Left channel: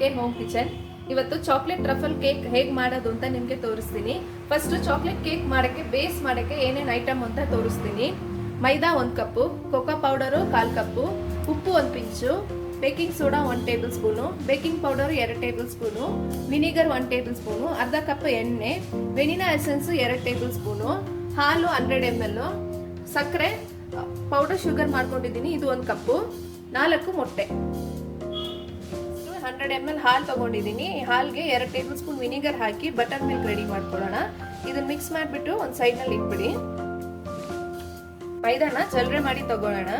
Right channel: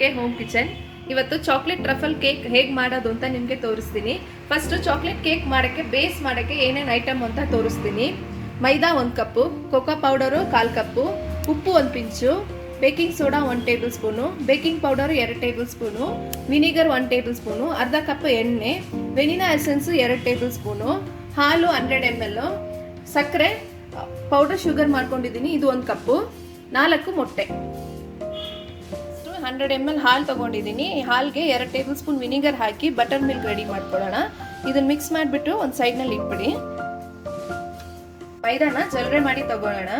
KK home kitchen. ಇವತ್ತು chocolate truffle cake ಹೇಗೆ ಮಾಡೋದು ಅಂತ ನಿಮಗೆ ತೋರಿಸ್ತೀನಿ. ಫಸ್ಟ್ ಚಾಕ್ಲೇಟ್ ಕೇಕ್ ಮಾಡೋಕ್ಕೆ ಬೇಸ್ ಮಾಡೋಕ್ಕೆ ಏನೇನು ಐಟಮ್ ಅಂತ ತೋರಿಸ್ತೀನಿ. ಮೈದಾ 1 ಕಪ್ಪು, ಕೋಕೋ ಪೌಡರು 1/4 ಕಪ್ಪು, ಉಪ್ಪು 1 pinch, baking soda 1 table spoon, baking powder 2 table spoon, vinegar 1 table spoon, ಅರ್ಧ ಕಪ್ ಎಣ್ಣೆ, ವೆನಿಲಾ ಎಸೆನ್ಸು 2 ಟೇಬಲ್ ಸ್ಪೂನು, ಹಾಲು 100 ml, ಸಕ್ಕರೆ ಪೌಡರ್ ಶುಗರ್ ಮಾಡ್ಕೊಂಡಿದ್ದೀನಿ ಇದು 1 ಕಪ್ಪು, 4 ಮೊಟ್ಟೆ. 100 ml ಹಾಲು ತೊಗೊಂಡಿದ್ದೀನಿ. ಹಾಲಿಗೆ 2 ಟೇಬಲ್ ಸ್ಪೂನ್ ವಿನಿಗರ್ ಹಾಕಿ ಬಟರ್ ಮಿಲ್ಕ್ ರೆಡಿ ಮಾಡ್ಕೊಳ್ಳೋಣ. ಇದನ್ನು ಮಿಕ್ಸ್ ಮಾಡಿಬಿಟ್ಟು ಒಂದು ಸೈಡ್ನಲ್ಲಿ ಇಟ್ಬಿಡಿ. ಮೈದಾನ ಜಲ್ರೆ ಮಾಡಿ ತಗೊಳ್ಳೋಣ.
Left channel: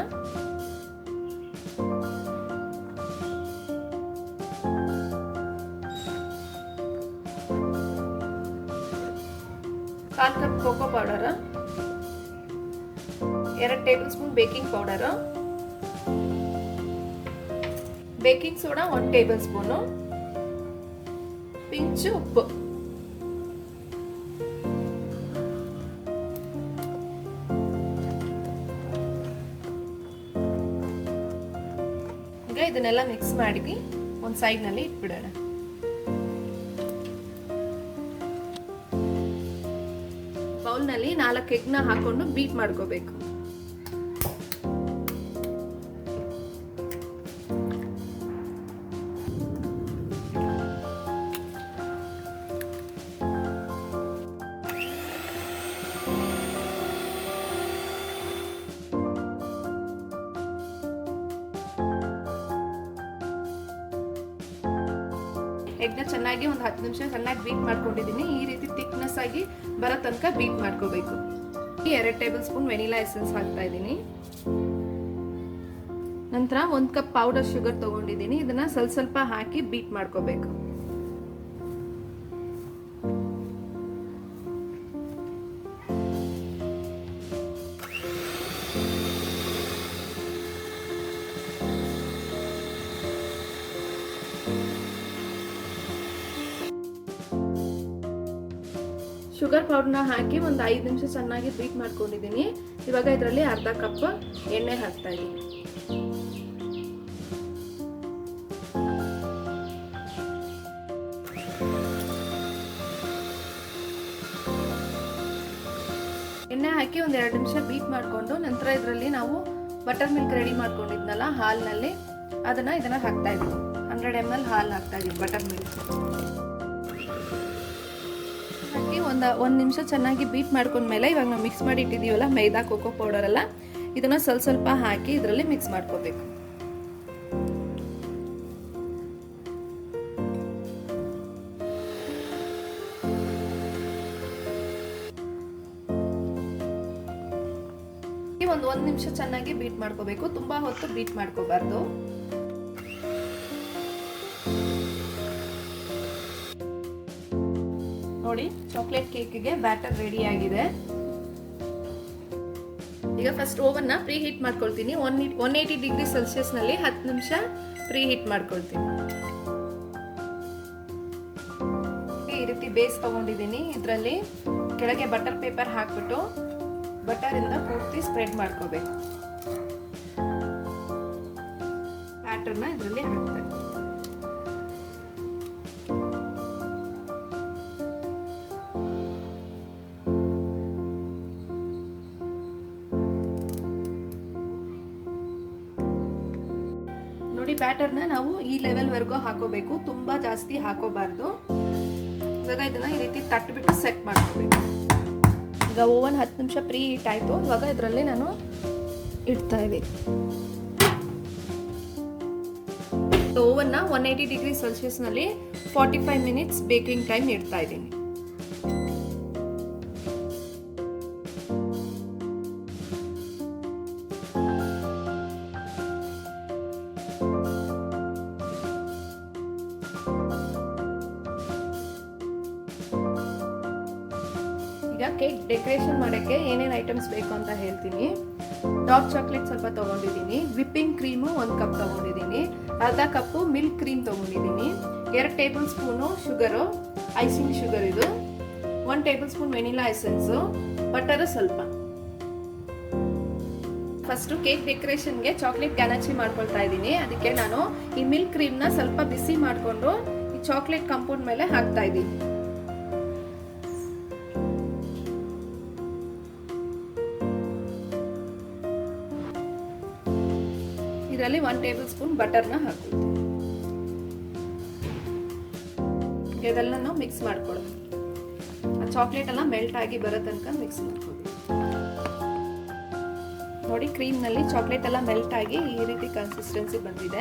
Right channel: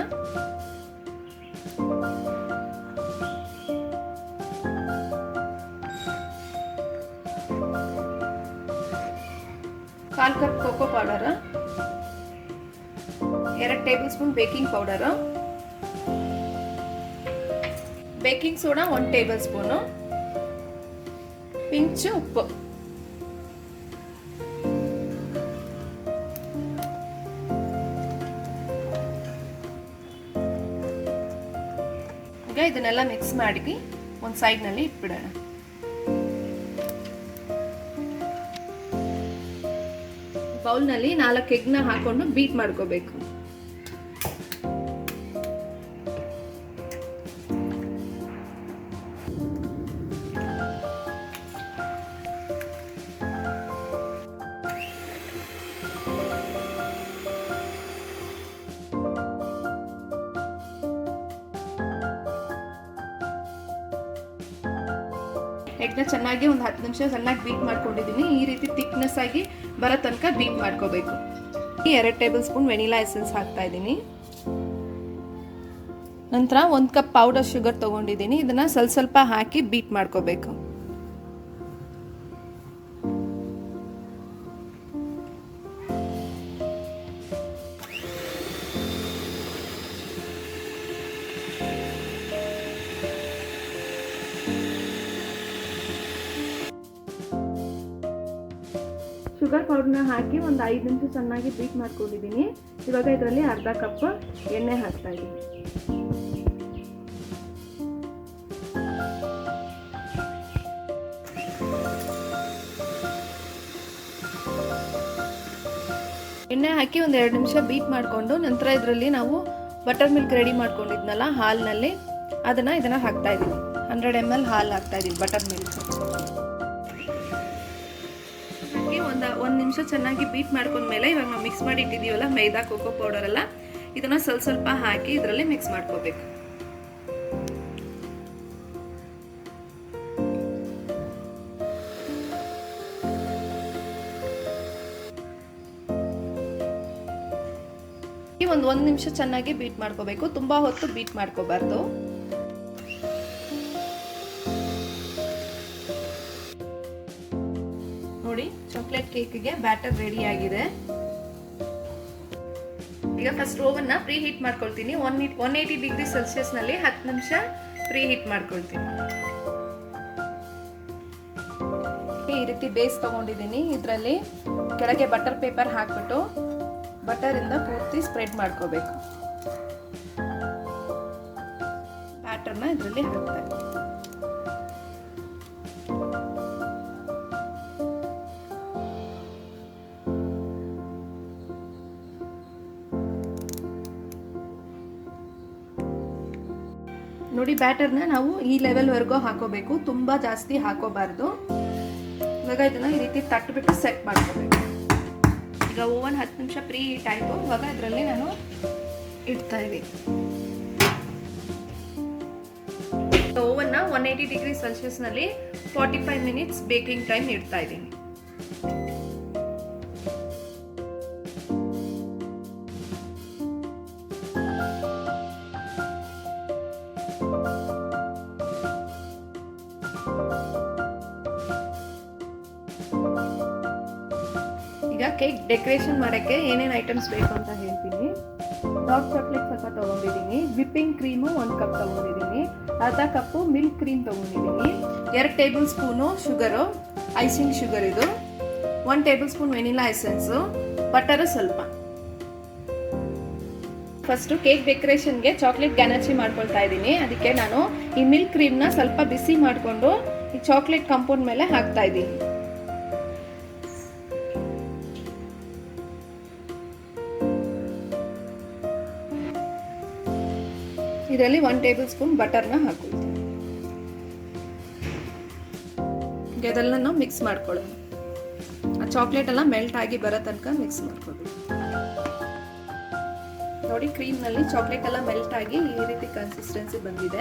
ಕಾಲ್ cup cocoa powder, 2 tablespoon baking powder, baking soda 1 tablespoon, pinch ಉಪ್ಪು. ಈಗ ಇದನ್ನೆಲ್ಲ ಮಿಕ್ಸ್ ಮಾಡಿ ಒಂದು ಸೈಡ್ನಲ್ಲಿ ಇಟ್ಬಿಡೋಣ. ಬೌಲ್ನಲ್ಲಿ 4 ಎಗ್ನ ಹಾಕೊಂಡು ಬೀಟ್ ಮಾಡ್ಕೋಬೇಕು. ಎಗ್ನ ಚೆನ್ನಾಗಿ ಒಂದು 10 ನಿಮಿಷ ಚೆನ್ನಾಗಿ ಬೀಟ್ ಮಾಡ್ಕೊಂಡಿದ್ದೀನಿ. ಈ ರೀತಿ ಥಿಕ್ನೆಸ್ ಆಗಿ ಬರೋ ತನಕ ಬೀಟ್ ಮಾಡ್ಕೋಬೇಕು. 2 ಟೇಬಲ್ ಸ್ಪೂನ್ ವೆನಿಲಾ ಎಸೆನ್ಸ್ ಹಾಕ್ತಾ ಇದ್ದೀನಿ. ನಂತರ 1 ಕಪ್ ಪೌಡರ್ ಶುಗರ್ ತೊಗೊಂಡಿದ್ದೀನಿ. ಇದನ್ನು ಸ್ವಲ್ಪ ಹಾಕಿ ಬೀಟ್ ಮಾಡ್ಕೋಬೇಕು. ಶುಗರ್ ಪೌಡರ್ನ ಹಾಕಿ ಒಂದು 5 ನಿಮಿಷ ಚೆನ್ನಾಗಿ ಬೀಟ್ ಮಾಡ್ಕೊಂಡಿದ್ದೀನಿ. ಇವಾಗ ಇದರಲ್ಲಿ ಅರ್ಧ ಕಪ್ ಎಣ್ಣೆ ಹಾಕ್ತಾ ಇದ್ದೀನಿ. ಎಣ್ಣೆ ಹಾಕಿ ಒಂದು 2 ನಿಮಿಷ ಬೀಟ್ ಮಾಡಿಕೊಂಡು ನಂತರ ಇದರಲ್ಲಿ ನಾವು ಬಟರ್ ಮಿಲ್ಕ್ ರೆಡಿ ಮಾಡ್ಕೊಂಡಿದ್ನಲ್ಲ ಹಾಲಿನಲ್ಲಿ ಇದನ್ನು ಹಾಕ್ತಾ ಇದ್ದೀನಿ. 100 ml ಹಾಲು ಹಾಕ್ತಾ ಇದ್ದೀನಿ ಬಟರ್ ಮಿಲ್ಕ್ ಹಾಕಿ ಒಂದು ನಿಮಿಷ ಚೆನ್ನಾಗಿ ಬೀಟ್ ಮಾಡ್ಕೊಂಡ್ಮೇಲೆ ಇವಾಗ ನಾವು ಮಿಕ್ಸ್ ಮಾಡಿ ಇಟ್ಟಿದ್ದೀವಲ್ಲ ಮೈದಾ ಕೋಕೋ ಪೌಡರ್ ಎಲ್ಲ ಇದನ್ನು ಸ್ವಲ್ಪ ಹಾಕಿ ಇದರಲ್ಲಿ ಮಿಕ್ಸ್ ಮಾಡ್ಕೋಬೇಕು. ಒಂದು ನಿಮಿಷ ಚೆನ್ನಾಗಿ ಬೀಟ್ ಮಾಡ್ಕೋಬೇಕು. ತುಂಬಾ ಹೊತ್ತು ಬೀಟ್ ಮಾಡ್ಕೋಬಾರ್ದು. ನೋಡಿ ಚಾಕ್ಲೇಟ್ ಕೇಕ್ಗೆ ಬ್ಯಾಟರ್ ರೆಡಿ ಆಗಿದೆ. ಈಗ ಫಸ್ಟ್ ಓವನ್ನ ಪ್ರೀ ಹೀಟ್ ಮಾಡ್ಕೊಳ್ತೀನಿ. 180 ಡಿಗ್ರಿ ಸೆಲ್ಸಿಯಸ್ ನಲ್ಲಿ 10 ನಿಮಿಷ ಪ್ರೀ ಹೀಟ್ ಮಾಡ್ಕೊಳ್ತೀನಿ. ಈ ರೀತಿ ಬೇಸ್ ತಗೊಂಡಿದ್ದೀನಿ. ಇದರಲ್ಲಿ ಕೆಳಗೆ ಬಟರ್ ಪೇಪರ್ ಹಾಕ್ಬಿಟ್ಟು ಬಟರ್ ಇಂದ ಪೂರ್ತಿ ಸ್ಪ್ರೆಡ್ ಮಾಡ್ಕೋಬೇಕು. ಬ್ಯಾಟರ್ನ ಇದರಲ್ಲಿ ಹಾಕ್ತಾರೆ. ನೋಡಿ ಬ್ಯಾಟರ್ನ ನಾವು ಈ ಲೆವೆಲ್ವರೆಗೂ ಹಾಕೋಬೇಕು. ತುಂಬಾ ಜಾಸ್ತಿ ಹಾಕೋಬಾರ್ದು. ಇವಾಗ ಇದನ್ನ ಈ ರೀತಿ ತಟ್ಬಿಟ್ಟು ಸೆಟ್ ಮಾಡ್ಕೋಬೇಕು. ಈಗ ಓವನ್ 10 ನಿಮಿಷ ಪ್ರೀ ಹೀಟ್ ಆಯಿತು. ಇವಾಗ ಇದರಲ್ಲಿ ನಾನು ಇಡ್ತಾ ಇದ್ದೀನಿ. ಓವನ್ನ 180 ಡಿಗ್ರಿ ಸೆಲ್ಸಿಯಸ್ನಲ್ಲಿ 45 ಮಿನಿಟ್ಸ್ ಬೇಕಿಂಗ್ ಟೈಮ್ ಇಡ್ತಾ ಇದ್ದೀನಿ. ಈಗ ಕೇಕ್ ಡೆಕೋರೇಷನ್ ಮಾಡೋಕ್ಕೆ ಏನೇನು ಐಟಮ್ಸ್ ಬೇಕು ಅಂತ ಹೇಳ್ತೀನಿ. ಡಾರ್ಕ್ ಚಾಕ್ಲೇಟ್ ಸ್ವಲ್ಪ ತೊಗೊಂಡಿದ್ದೀನಿ, ವಿಪ್ಪಿಂಗ್ ಕ್ರೀಮು 1 ಕಪ್ ತೊಗೊಂಡಿದ್ದೀನಿ, ಅರ್ಧ ಕಪ್ಪು ಮಿಲ್ಕ್ ಕ್ರೀಮ್ ತೊಗೊಂಡಿದ್ದೀನಿ, 2 table spoon sugar, icing sugar ಇದು, 1 table spoon vanilla essence, butter ಸ್ವಲ್ಪ. ಫಸ್ಟು ಕೇಕ್ ಡೆಕೋರೇಷನ್ಗೆ ಚಾಕ್ಲೇಟ್ ಗ್ಯಾನಚಿ ಮಾಡ್ಕೊಳ್ತಾ ಇದ್ದೀನಿ. ಅದಕ್ಕೆ ನಾನು ಈ ಮಿಲ್ಕ್ ಕ್ರೀಮ್ನ ಸ್ವಲ್ಪ ಬಿಸಿ ಮಾಡಿಕೊಂಡು ಈ ಚಾಕ್ಲೇಟ್ ಕಾಂಪೌಂಡ್ ಮೇಲೆ ಹಾಕ್ತಾ ಇದ್ದೀನಿ. ಇದರಲ್ಲಿ 1 ಟೇಬಲ್ ಸ್ಪೂನ್ ಬಟರ್ನ ಹಾಕ್ಕೊಳ್ತೀನಿ. ಇದೆಲ್ಲ ಮಿಕ್ಸ್ ಮಾಡ್ಕೊಳ್ಳೋಣ. ಆ ಚಾಕ್ಲೇಟ್ ಎಲ್ಲ ಮೆಲ್ಟ್ ಆಗಿ ಬರೋ ತನಕ ಮಿಕ್ಸ್ ಮಾಡ್ಕೊಳ್ಬೇಕು. ನೋಡಿ, ಕ್ರೀಮ್ನಲ್ಲಿ ಚಾಕ್ಲೇಟ್ ಎಲ್ಲ ಮೆಲ್ಟ್ ಆಗಿ ಈ ರೀತಿ ಕನ್ಸಿಸ್ಟೆನ್ಸಿ ಬಂದಿದೆ.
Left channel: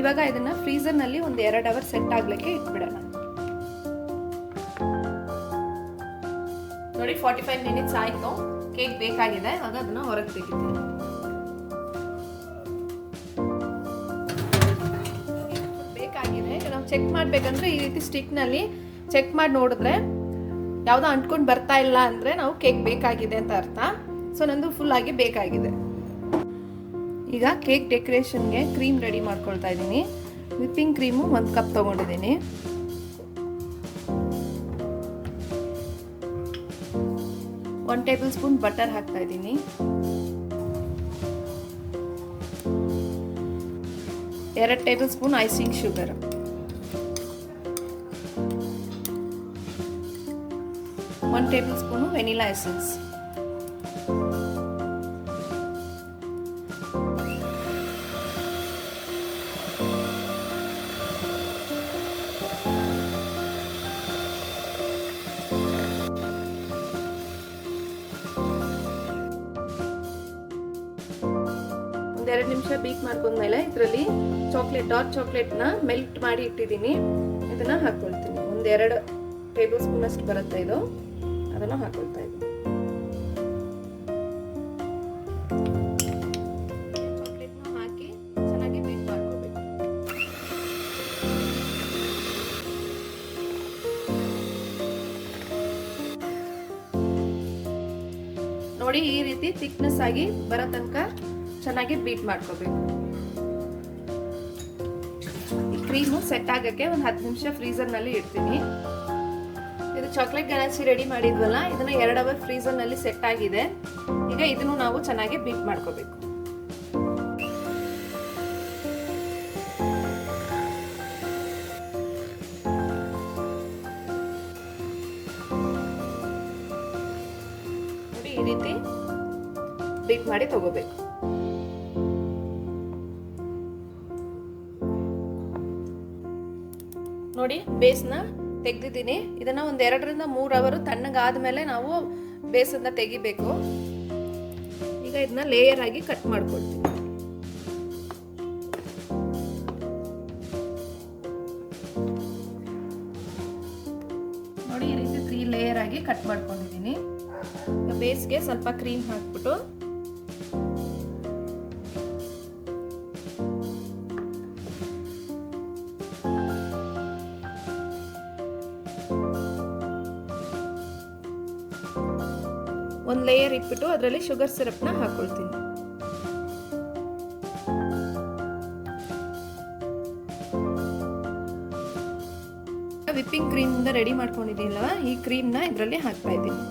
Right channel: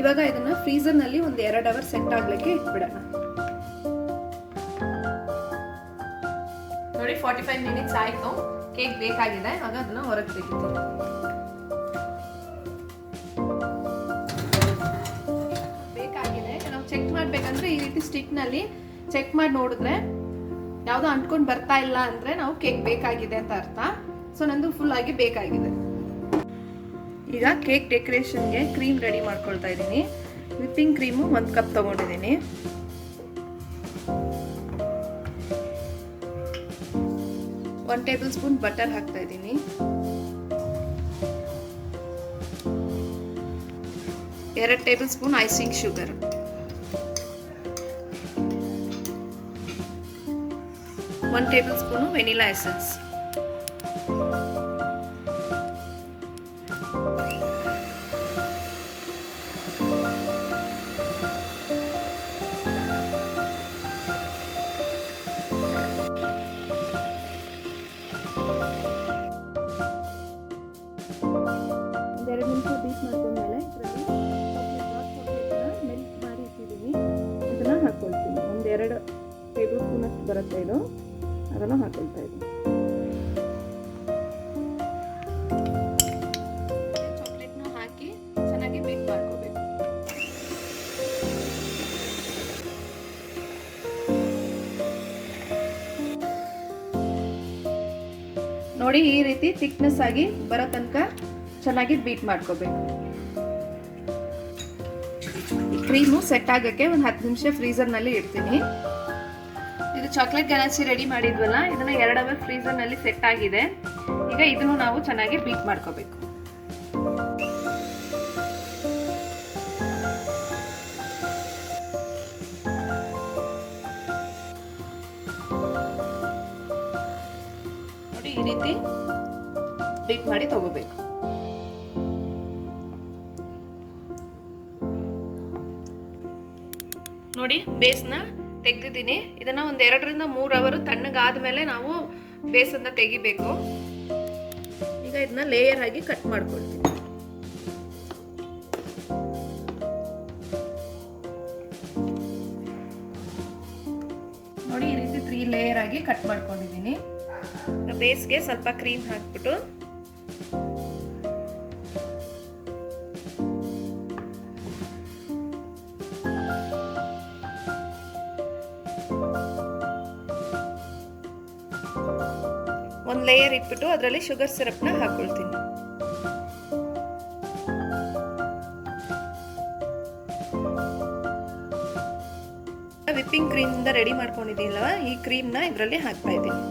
ಇವಾಗ ಇದನ್ನ ಫ್ರೀಸರ್ನಲ್ಲಿ ಒಂದು 2 ಅವರ್ ಸೆಟ್ ಆಗ್ಲಿಕ್ಕೆ ಇಟ್ಬಿಡೋಣ. ನೋಡಿ, 45 ಮಿನಿಟ್ಸ್ ಆಯ್ತು. ಕೇಕ್ ಬೇಕಾಗಿದೆ. ಇವಾಗ ಅದನ್ನ ಹೊರಗೆ ತೆಗಿತೀನಿ. ಬೇಕಾಗಿದೆ. ನಾವು ಚೆಕ್ ಮಾಡ್ಬೇಕಂದ್ರೆ ಈ ರೀತಿ ಸ್ಟಿಕ್ ನಲ್ಲಿ ಚೆಕ್ ಮಾಡಿ ನೋಡಿದ್ರೆ ಯಾವ್ದೋ ಅಂಟ್ಕೊಂಡು ಬರ್ತಾ ಇಲ್ಲ ಅಂದ್ರೆ ನಾವು ಕೇಕ್ ಬೇಕಾಗಿದೆ ಅಂತ ಅರ್ಥ. ಸೊ ನಂದು ಫುಲ್ ಆಗಿ ಬೇಕಾಗಿದೆ. ಈಗ ಕೇಕ್ ಡೆಕೋರೇಷನ್ಗೆ ಕ್ರೀಮ್ ರೆಡಿ ಮಾಡ್ಕೊಳ್ತಾ ಇದ್ದೀನಿ. ವಿಪ್ಪಿಂಗ್ ಕ್ರೀಮು 1 ಕಪ್ ತಗೊಂಡಿದ್ದೀನಿ. ಒನ್ ಟೇಬಲ್ ಸ್ಪೂನ್ ಬಟರ್ ಹಾಕ್ತಾ ಇದ್ದೀನಿ. 2 table spoon icing sugar, 1 table spoon vanilla essence, ಒಂದೆರಡು ನಿಮಿಷ ಬೀಟ್ ಮಾಡ್ಕೊಂಡ್ಮೇಲೆ ಇದರಲ್ಲಿ ಡಾರ್ಕ್ ಚಾಕ್ಲೇಟ್ನ ಮೆಲ್ಟ್ ಮಾಡಿ ಇಟ್ಟಿದ್ದೀನಿ. ಇದನ್ನ ಹಾಕೊಳ್ತೀನಿ. 1-2 ಟೇಬಲ್ ಸ್ಪೂನ್ ಅಷ್ಟು ಬರುತ್ತೆ ಇದು. ಅದನ್ನು ಹಾಕೊಳ್ತಾ ಇದ್ದೀನಿ. ಚಾಕ್ಲೇಟ್ನ ಹಾಕಿ ಚೆನ್ನಾಗಿ ಬೀಟ್ ಮಾಡ್ಕೋಬೇಕು. ನೋಡಿ, ಈ ರೀತಿ ಥಿಕ್ನೆಸ್ ಆಗಿ ಬರೋ ತನಕ ಚೆನ್ನಾಗಿ ಬೀಟ್ ಮಾಡ್ಕೋಬೇಕು. ಈ ಕ್ರೀಮು ಸೆಟ್ ಆಗಕ್ಕೆ ಒಂದು 10 ನಿಮಿಷ ಫ್ರೀಸರ್ನಲ್ಲಿ ಇಡ್ತೀನಿ. ಇದು ಚಾಕ್ಲೇಟ್ ಗನಾಚಿ ರೆಡಿ ಮಾಡಿದ್ವಲ್ಲ, ಇದನ್ನ 2 ಅವರ್ ಫ್ರೀಸರ್ನಲ್ಲಿ ಸೆಟ್ ಆಗಿದೆ. ಈಗ ಇದನ್ನು ನಾವು ಚೆನ್ನಾಗಿ ಬೀಟ್ ಮಾಡ್ಕೋಬೇಕು. ನೋಡಿ, ಈ ರೀತಿ ಬೀಟ್ ಮಾಡಿ ತಗೋಬೇಕು. ನೋಡಿ, ಬೇಸ್ನ ತೆಗೆದಿದ್ದೀನಿ. ಇದನ್ನ ಒಂದು 2ರಿಂದ 3 ಅವರ್ ತಣ್ಣಗಾದ್ಮೇಲೆ ನಾವು ಬೇಸನ್ನ ತೆಗಿಬೇಕು. ಈಗ ಇದನ್ನ ಲೇಯರ್ ಆಗಿ ಕಟ್ ಮಾಡ್ಕೊಳ್ತೀನಿ. ನೋಡಿ, ಈ ರೀತಿ 3 ಲೇಯರ್ ಆಗಿ ಕಟ್ ಮಾಡ್ಕೊಂಡಿದ್ದೀನಿ. ಬೇಸ್ಗೆ ಸ್ವಲ್ಪ ಕ್ರೀಮ್ ಹಾಕ್ಬಿಟ್ಟು ಒಂದು ಲೇಯರ್ ಇಟ್ಬಿಟ್ಟು ಅದರಲ್ಲಿ ಶುಗರ್ ಸಿರಪ್ನ ಹಾಕೊಳ್ತೀನಿ. ವಿಪ್ಪಿಂಗ್ ಕ್ರೀಮ್ ಇಂದ ರೆಡಿ ಮಾಡ್ಕೊಂಡಿದ್ದೀನಲ್ವಾ, ಈ ಕ್ರೀಮ್ನ ಇದರಲ್ಲಿ ಹಾಕ್ತಾ ಇದ್ದೀನಿ.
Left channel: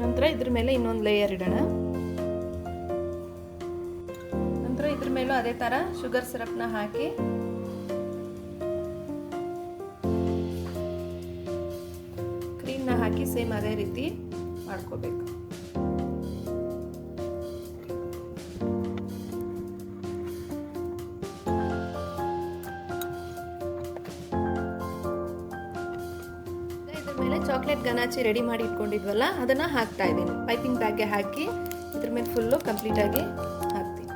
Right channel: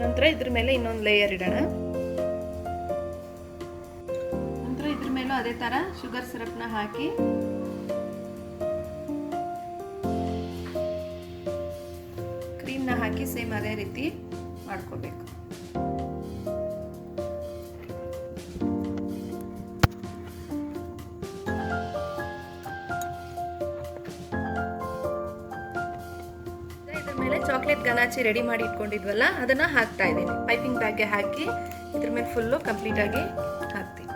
ನಂತರ ಇದ್ರ ಮೇಲೆ ಇನ್ನೊಂದು ಲೇಯರ್ ಇಡೋಣ. ನಂತರ ಇದ್ರ ಮೇಲೂ ಅದೇ ತರ ಶುಗರ್ ಸಿರಪ್ನ ಹಾಕಿ ಕ್ರೀಮ್ನ ಹಾಕಿ ಸೇಮ್ ಅದೇ ರೀತಿ ಮಾಡ್ಕೋಬೇಕು. ಮೇಲೆ ಚಾಕ್ಲೇಟ್ ಗನಾಚಿ ರೆಡಿ ಮಾಡಿ ಇಟ್ಕೊಂಡಿದ್ವಲ್ಲ, ಅದನ್ನ ಹಾಕ್ತಾ ಇದ್ದೀನಿ. ಪೈಪಿಂಗ್ ಬ್ಯಾಗ್ಗೆ ಹಾಕಿ ಇದ್ರ ಮೇಲೆ ಫುಲ್ಲು ಕಂಪ್ಲೀಟ್ ಆಗಿ ಹಾಕ್ತೀನಿ.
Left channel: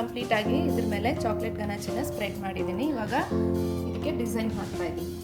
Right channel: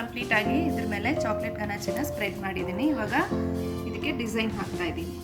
ಕಂಪ್ಲೀಟಾಗಿ ಇದ್ರ ಮೇಲೆ ಚಾಕ್ಲೇಟ್ ಗನಾಚೆನ ಸ್ಪ್ರೆಡ್ ಮಾಡಿದ್ದೀನಿ. ಇವಾಗ ಇದಕ್ಕೆ ಡಿಸೈನ್ ಹಾಕ್ತಾ ಇದ್ದೀನಿ.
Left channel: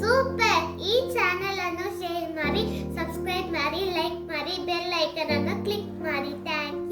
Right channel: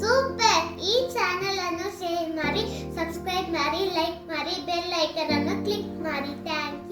ಸೂಪರ್! ಈ ಚಾನೆಲ್ ಅನ್ನು ಶೇರ್ ಮಾಡಿ, ಸಬ್ಸ್ಕ್ರೈಬ್ ಮಾಡಿ, ಲೈಕ್ ಮಾಡಿ, ಬೆಲ್ ಐಕಾನ್ ಅನ್ನು ಕ್ಲಿಕ್ ಮಾಡಿ. ಥ್ಯಾಂಕ್ಸ್.